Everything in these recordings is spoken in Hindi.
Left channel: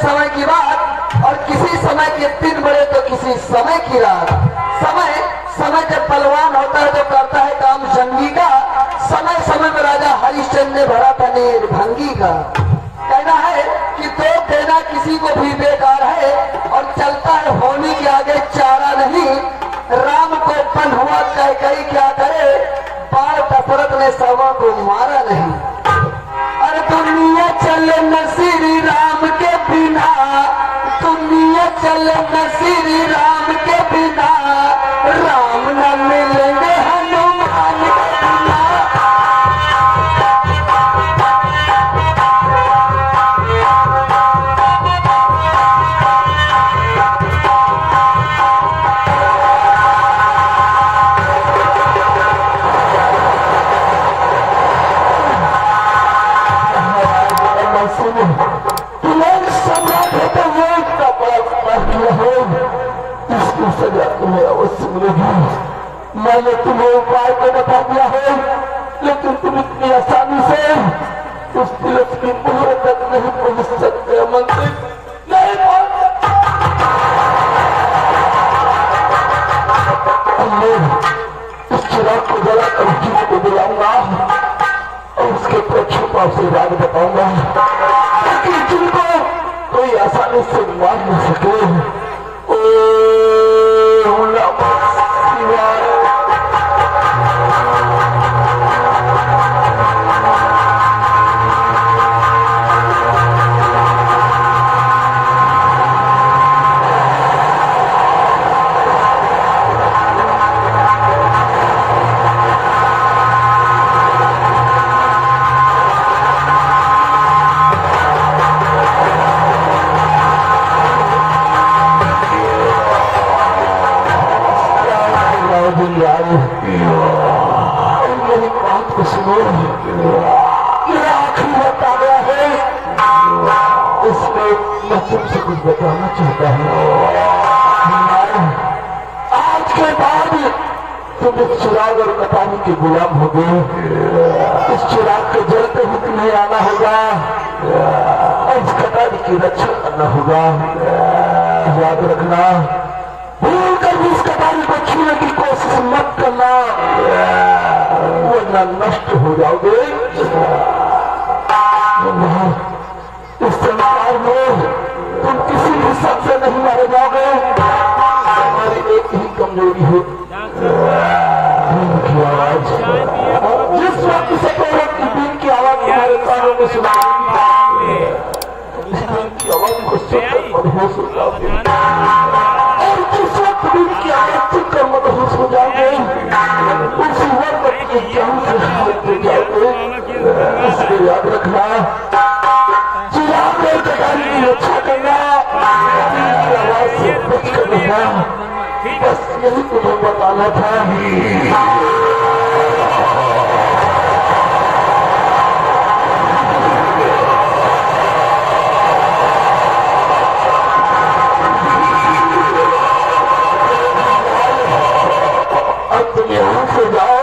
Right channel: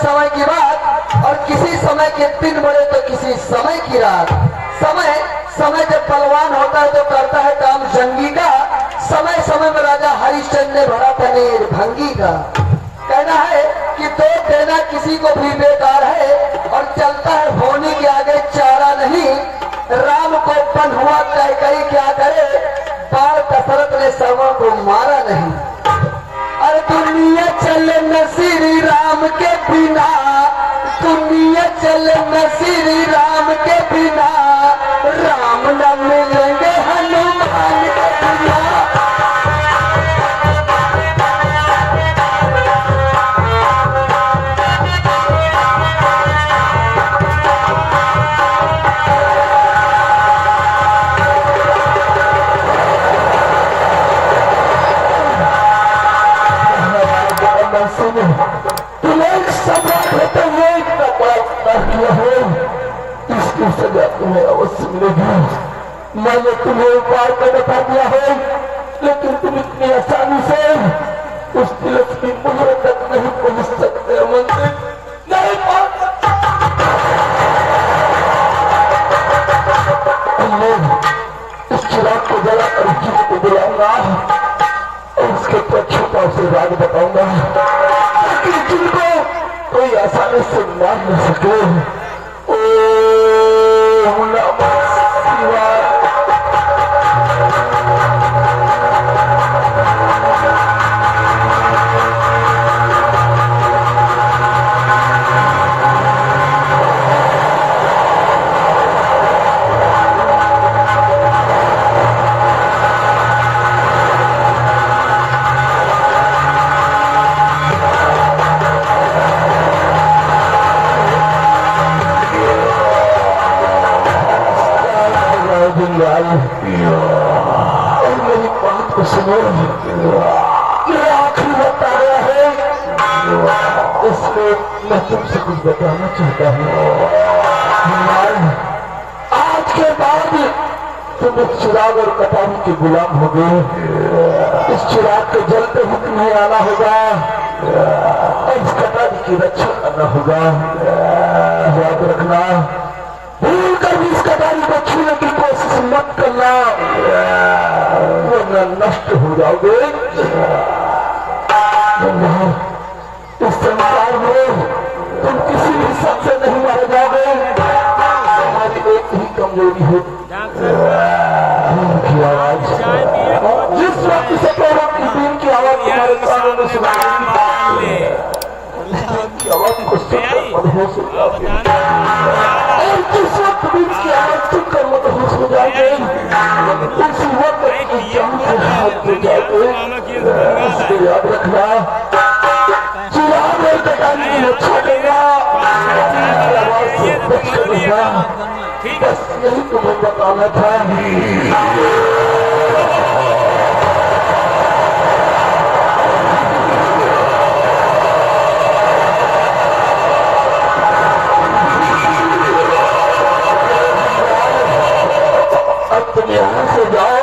समय की बात और किसी समय के दिन बड़े तो किसी समय की रात। समय समय जब बलवान होता है तो करता है काम जंगी का। समय समय में राजा हरिश्चंद्र ने भरा पनीर भंगी का। कहना है कि दोष देना किसी को भी बेकार है और चलता है होने के आगे चारा नहीं। राम को पन हुआ तय कई क्या करे, बाल दशरथ ने सर्वों को मारा नहीं। अरे दुनिया चले न श्री राम के बिना, दुनिया चले न श्री राम के बिना, राम न मिलेंगे हनुमान के बिना। इसकी सजा तुम्हें अवश्य मिलेगी। मैंने तुम्हें उपाय तो बता दिया है, लेकिन तुम इतनी आसानी से उस तिलक की पुनः तक नहीं पहुंच सकते। मंत्री नहीं पहुंच सकते। इस चिराग को जलाकर जीव को बुलाऊंगा और उसके प्रक्षोभ का उसे राग बताऊंगा, ताकि जिनको कोई आसानी से मार न सके। ओम नमः शिवाय। मेरी बात को सुनो, मेरा आखिरी वक्त आ गया है, इसमें मैं तुमसे कुछ बताना चाहता हूँ। आज के बाद तुम इस चिराग और कटारी के गुलाम हो गए। इस चिराग के जलते ही तुम्हें आना होगा और इस कटारी की रक्षा करना होगा। याद रखना, भूल कर भी इस कटारी को छूने की कोशिश मत करना, वरना नष्ट हो जाओगे। इस संसार में तुम किसी भी सबसे नहीं मारे जाओगे। हमारी एक ही कमजोरी है, जिस व्यक्ति से दिन की आवाज तुम्हारे कानों में सुनाई, आवाज को सुनकर मदहोश हो जाओगे। और जिस वक्त दिन की आवाज सुनकर मदहोश हो जाओगे, उसी वक्त की जान से हाथ हो जाओगे। इसको याद रखना, चिराग में कटारी की रक्षा करना, आवाज से बच कर रहना, बस यही तुम्हें बताना था। तुम यहाँ से जाओ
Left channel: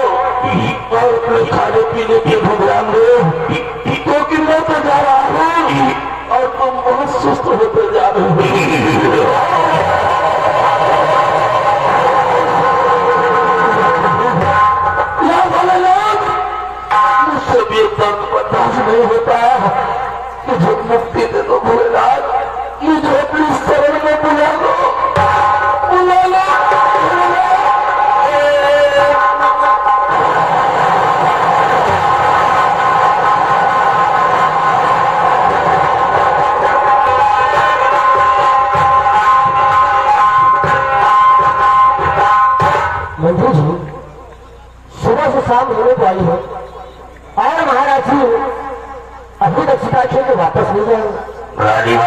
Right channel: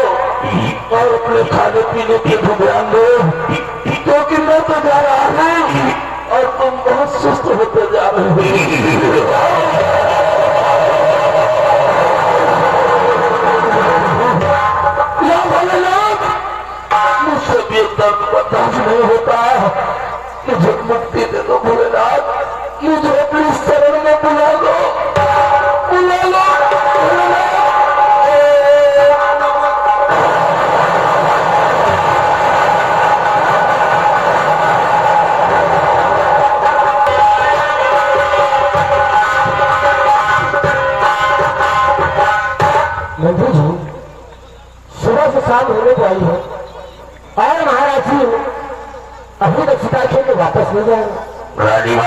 और अपने खाने पीने की ध्यान दो, क्योंकि मैं तो जा रहा हूँ और तुम बहुत सुस्त होते जा रहे हो। मुझसे भी दर्द बर्दाश्त नहीं होता, मुझे मुक्ति दे दो भोलेनाथ, मुझे अपनी शरण में बुला लो, बुला लो। मंत्री जी, सुबह से शाम होने वाली है और महाराज जी अभी तक सीता खेल के वापस नहीं जाएंगे।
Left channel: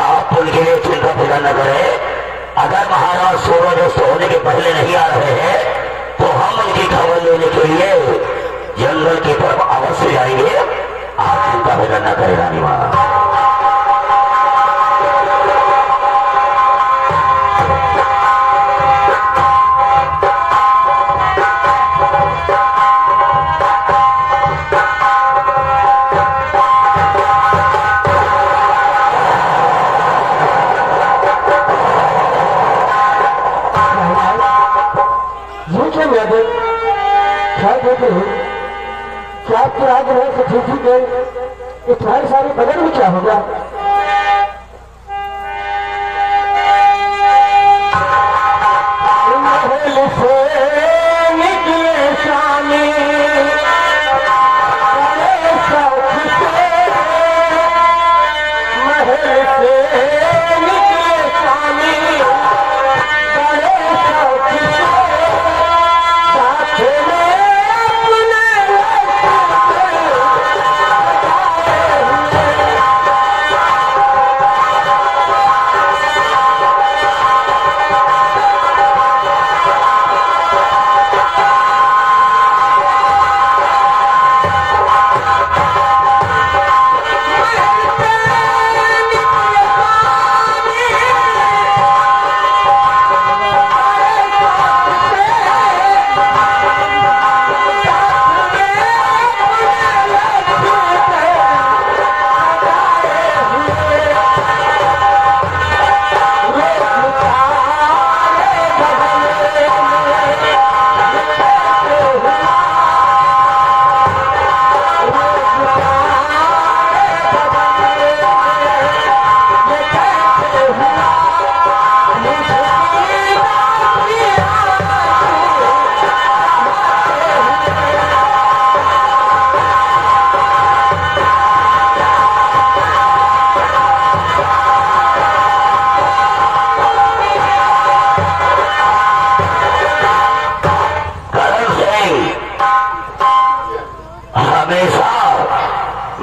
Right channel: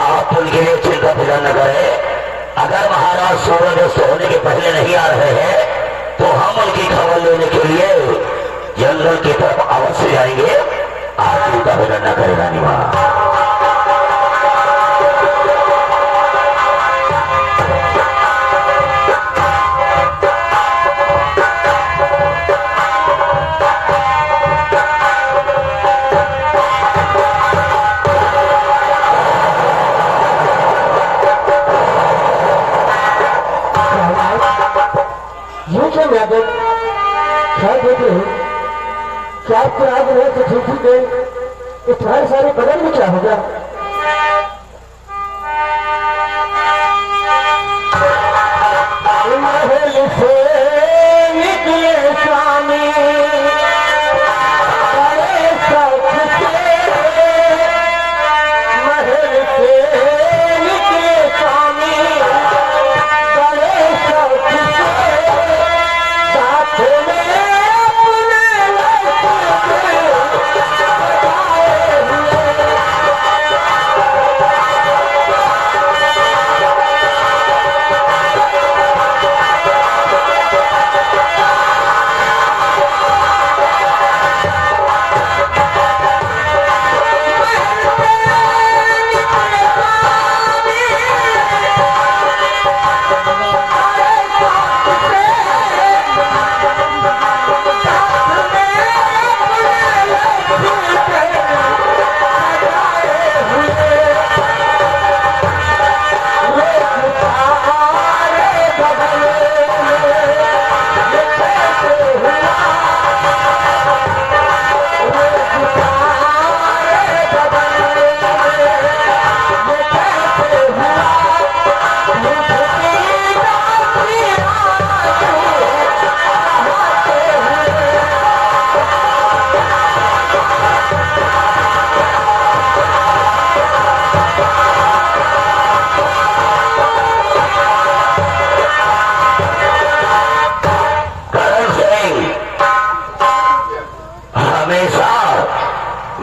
आप उनके लिए चिंता फिक्र न करें। अगर महाराज सूरज अस्त होने के पहले नहीं आ रहे हैं तो हम उनकी खबर लेने के लिए जंगल की तरफ अवश्य जाएंगे। आप चिंता फिक्र न करें रानी माँ। क्या देते हो? क्या आपको आग रहे तो ठीक ही गए, ये तुम्हारे सारे बदन में क्या होगा? महल से निकले स्वामी बड़े शौक से, महल से निकले स्वामी बड़े शौक से, साथ में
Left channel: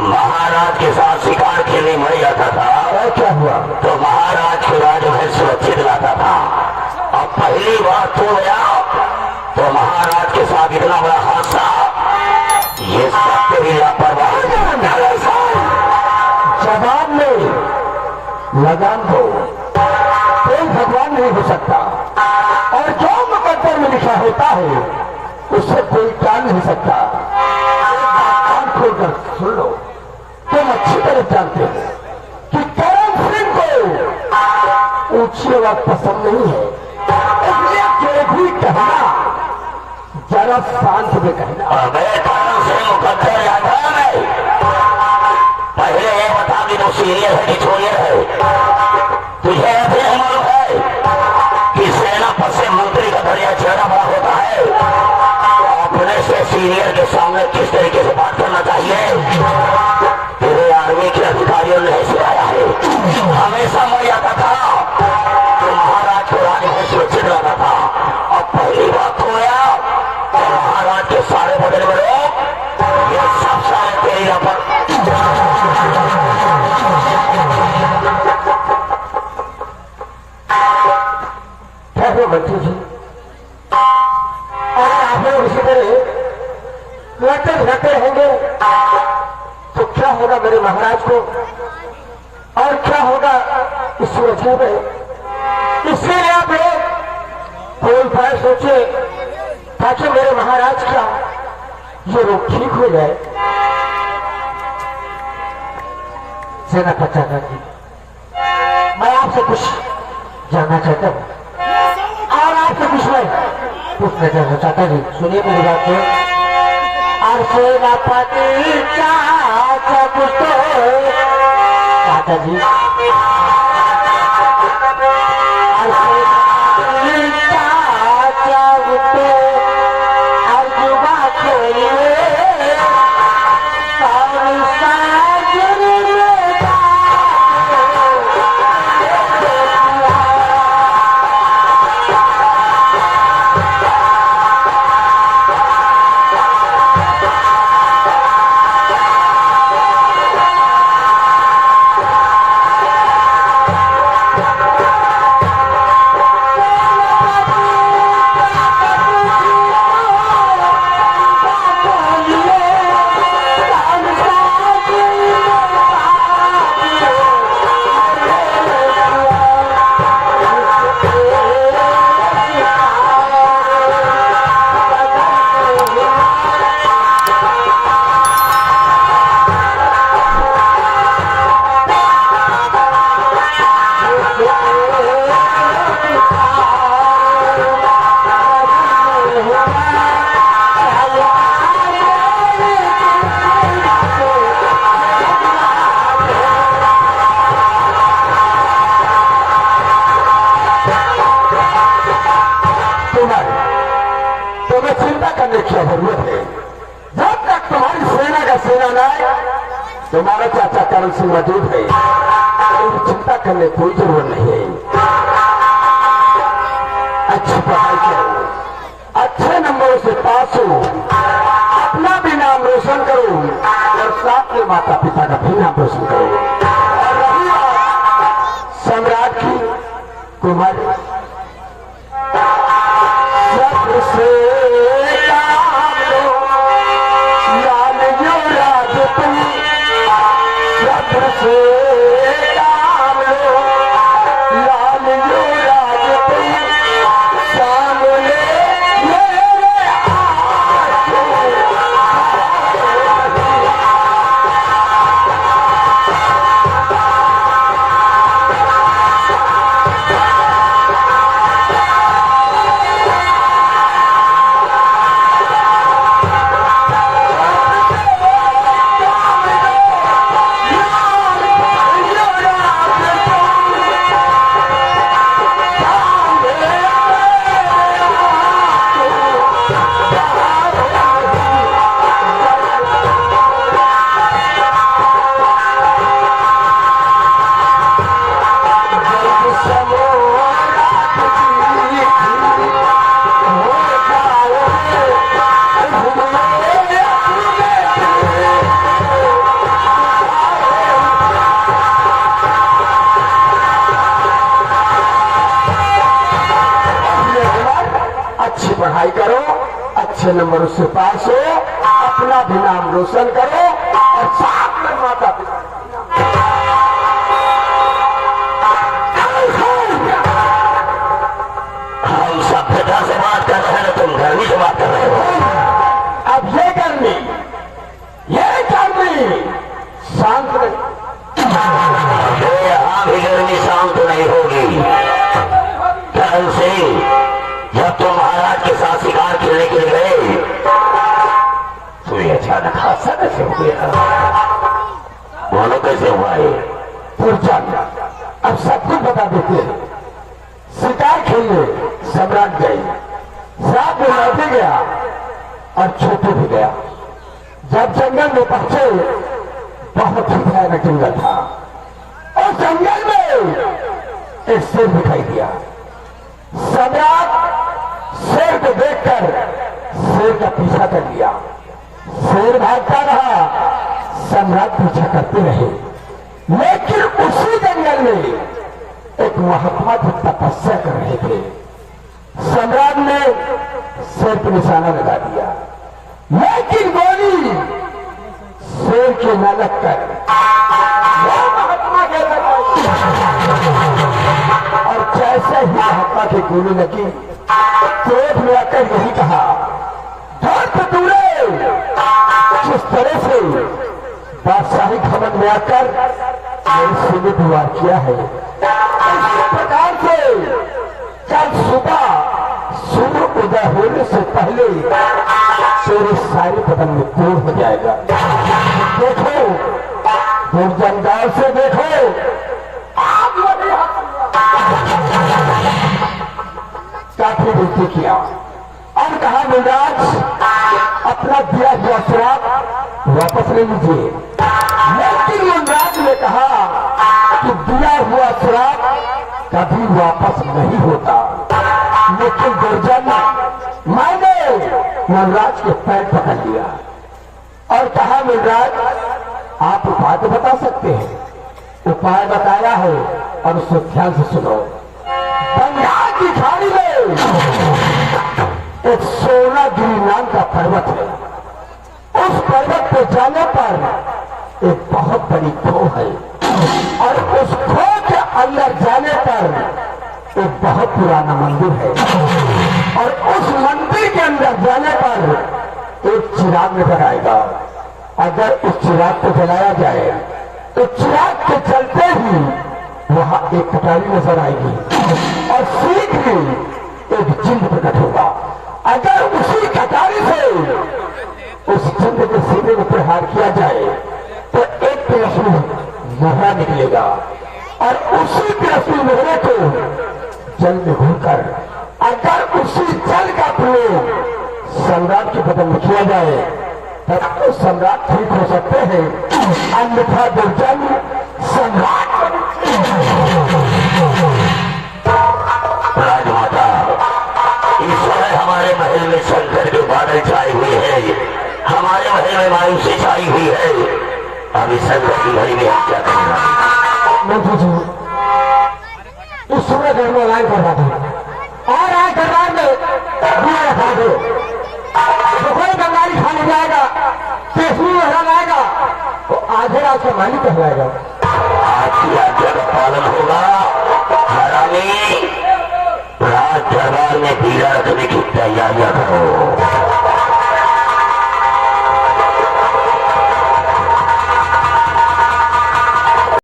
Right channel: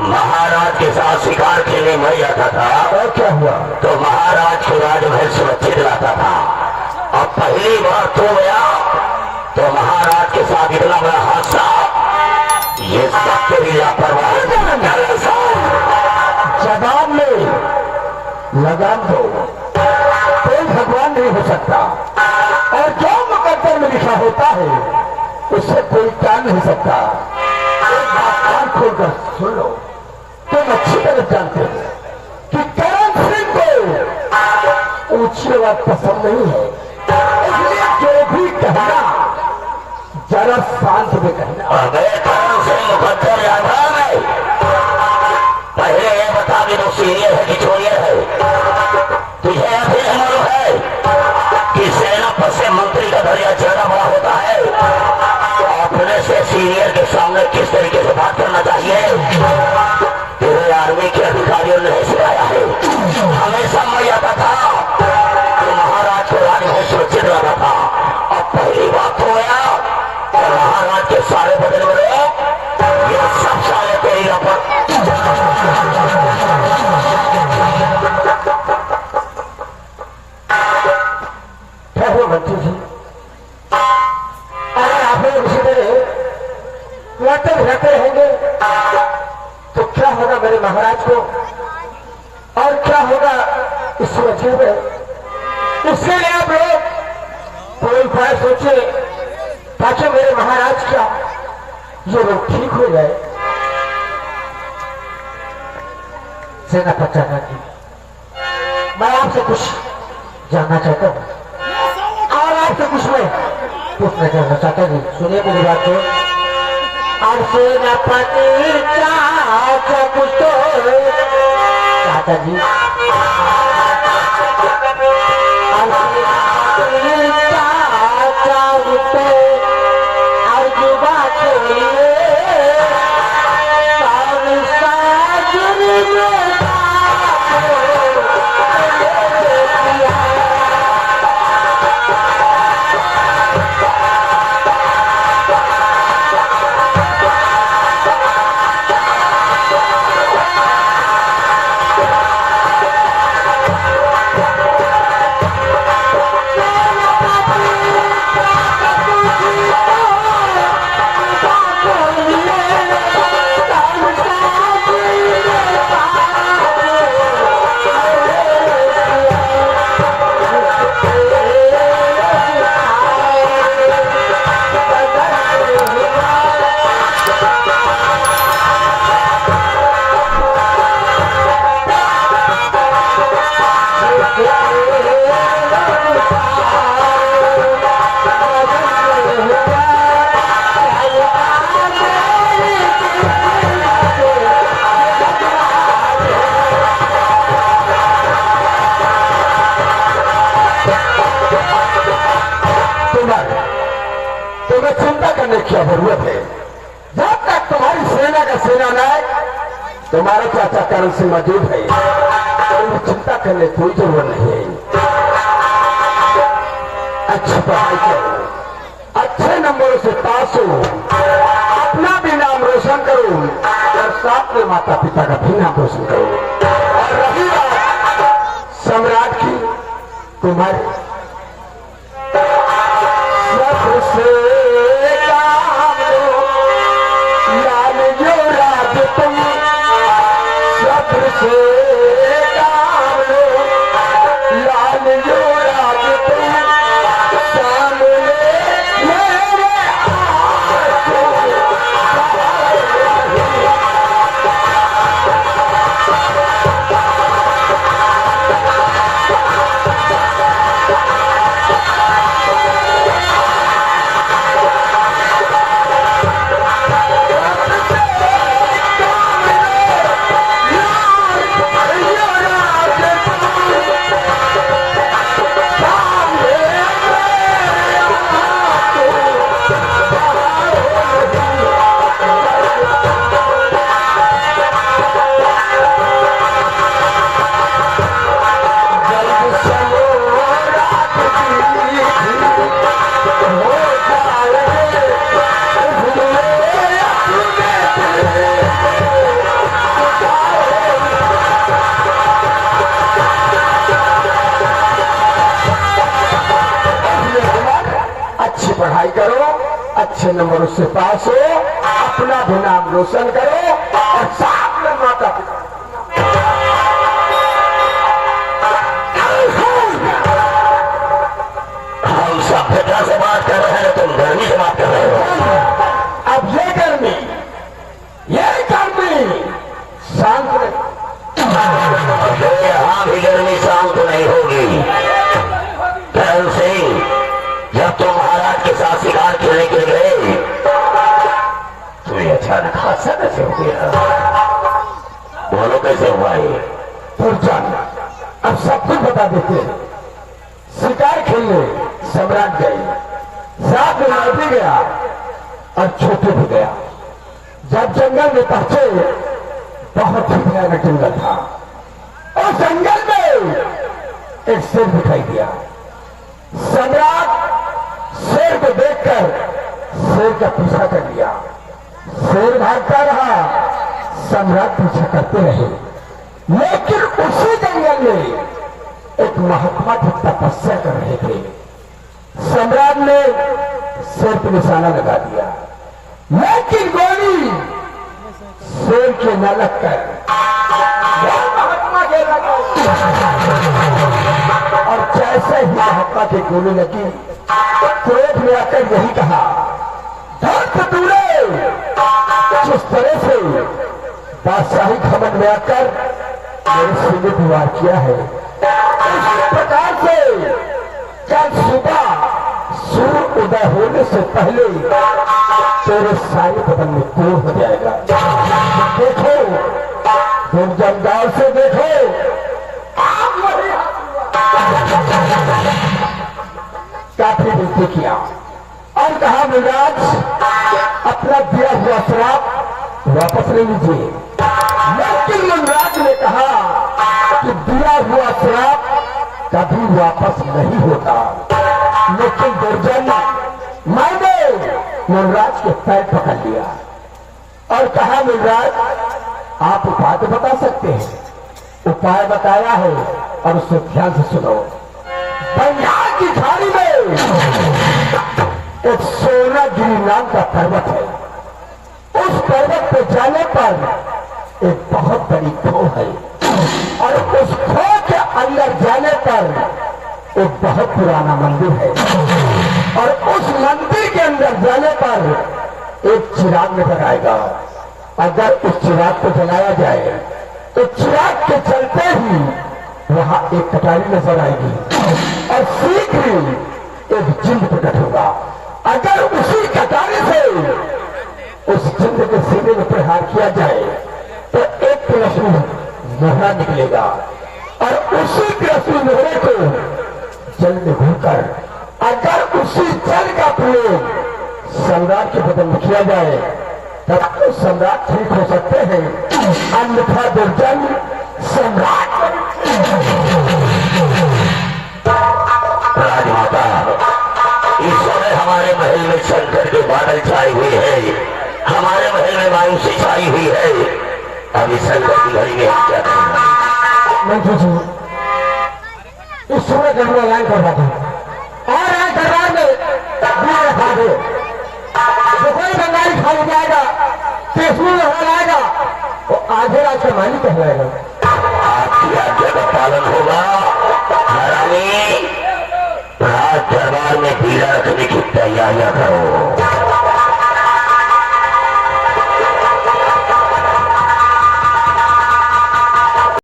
महाराज के साथ शिकार खेलने मर जाता था। और क्या हुआ? तो महाराज को जो है सुरक्षित रहता था। और पहली बार तो गया तो महाराज के साथ इतना बड़ा हादसा, ये सब तेरी लापरवाही। जवाब में लगाम दो, कोई भगवान नहीं हो सकता, और जो मुकद्दर में लिखा होता है उससे कोई काम नहीं हो सकता। एक बात कान खोलकर सुन लो, तुम अच्छी तरह जानते हो कि करण सिंह को ऊंची आवाज पसंद नहीं है, इसलिए जो भी कहना जरा शांत में कहना। अबे कौन से मुकद्दर याद है? पहले ये बता भी तो सीनियर है कि जूनियर है? तुझे ऐसे मालूम है कि सेनापति से मंत्री का दरिया चेहरा बड़ा होता है? अपने से सीनियर के सामने किस तरीके से बात करना चाहिए? तेरे आर्मी के अधिकारियों ने ऐसे आया है। हमेशा मैं आता था कि महाराज को राज में सुरक्षित रहता था। अब पहली बात हो गया तो महाराज के सारे बदल गए, ये सब सारे तेरी लापर। ठहरो बच्चों जी, अगर आप लोग इसी तरह लड़ते झगड़ते होंगे तो क्या होगा मेरे महाराज को, और क्या होगा इस वजह में? इसलिए आप लोग कोई उपाय सोचे ताकि मेरे महाराज का ये रोग ठीक हो जाए। सेनापति जी, मैं आपसे कुछ जानना चाहता हूँ और आपके कुछ मैं पूछना चाहना चाहता हूँ। सुनिए मेरी बात को। और सेनापति चाचा कुछ तो चाचा जी, और सेनापति चाचा कुछ तो और जुबा छोड़िए कौन सा जुर्म क्या जरूरत है? जब तक तुम्हारी सेना का सेना नायक तुम्हारा चाचा करण सिंह मौजूद है, कोई चिंता करने कोई जरूरत नहीं है। अच्छी पढ़ाई करो, अच्छे नंबरों से पास हो, अपना भी नाम रोशन करो और साथ में माता पिता का भी नाम रोशन करो। और रही बात सम्राट की, तुम्हारी सबसे काम लो, लाल जो राज तुम सबसे काम लो, लाल जो राज तुम सामने मेरे आंखों पढ़ाई करो, अच्छे नंबरों से पास हो, अपना भी नाम रोशन करो और साथ में माता पिता। हम सभ्यता से बात कर रहे हैं, तुम गर्मी से बात कर रहे हो। अब ये गर्मी शांत में, यहाँ भी गर्मी शांत नहीं होगी। करण सिंह, जब तुम महाराज के साथ शिकार खेलने के गए तो ये अचानक हादसा कैसे हो गया? बोलो कैसे हुआ है? पुरजान अब सब कुछ बता देते हैं। शिकार खेलने सम्राट गए, साथ में लौट गया और छोटू भी गया। जब जंगल में पहुंचे, बहुत ही भयानक जंगल था और जंगल में एक शेर दिखाई दिया। सम्राट शेर को देखकर शेर का पीछा कर लिया। शेर भागता रहा, सम्राट पीछा करते रहे। लेकिन उसी जंगल में एक महात्मा जी तपस्या कर रहे थे। सम्राट ने शेर पर निशाना लगा दिया, लेकिन गोली शेर के न लगकर महात्मा के और जैसे ही महात्मा की गोली लगी, क्रोध में आकर यही कहा, धर्म दूरे, जिस तरह से बादशाही भवन में आकर मेरे सीने पर वार किया है, इस प्रकार से कल सुबह सूर्य उदय होने से पहले तेरे सारे बदन में तोड़ हो जाएगा। देखो, दुर्जनदार से देखो, काफी विनती किया और कहा, महाराज अपना दिया हुआ श्राप वापस ले लीजिए। लेकिन महाराज ने कहा कि दिया हुआ श्राप कभी वापस नहीं होता। लेकिन दुर्जन मैंने महाराज के पैर पकड़ लिया और कहा, महाराज आप उपाय तो बता सकते हैं। उपाय बताया है और उसे ध्यान से सुनो। बंगाल की खाड़ी में एक सोनागिरी नाम का पर्वत है। उस पर्वत पे जाने पर एक बहुत बड़ी खो है और उस खो के अंदर जाने पर एक बहुत पुराना मंदिर है और उस मंदिर के अंदर जाने पर एक चिराग नजर आएगा। अगर उस चिराग को जलाया जाए तो चिराग के चलते ही वहां एक कटारी नजर आएगी और शीघ्र एक जिंद प्रकट होगा। अगर उसी कटारी से उस जिंद के सीने में प्रहार किया जाए तो एक कृष्ण मोहरा निकलेगा और उसी कृष्ण मोहरे को जल में घूमकर अगर उसी जल का प्रयोग सम्राट के बदल किया जाए तब तो सम्राट ठीक हो सकते हैं, अन्यथा दुर्जन सम्राट। राजमाता, इस समय हमारे महल में संकट के बादल छाए हुए हैं, हमारे महल में मायूसी छाई हुई है। अब इस संकट की घड़ी में हम क्या करेंगे? मंत्री जी, इस समय घर में ऐलान कर रहा था और आज दरबार में दिया रखा दो, जो कोई बंगाली खा जाएगा, केसरी हरा जाएगा, वो आधे रात से मालिक कहलाएगा। आपकी आज्ञा का पालन होगा। हरामी, राज दरबार में पीला रखने की तैयारियां करो।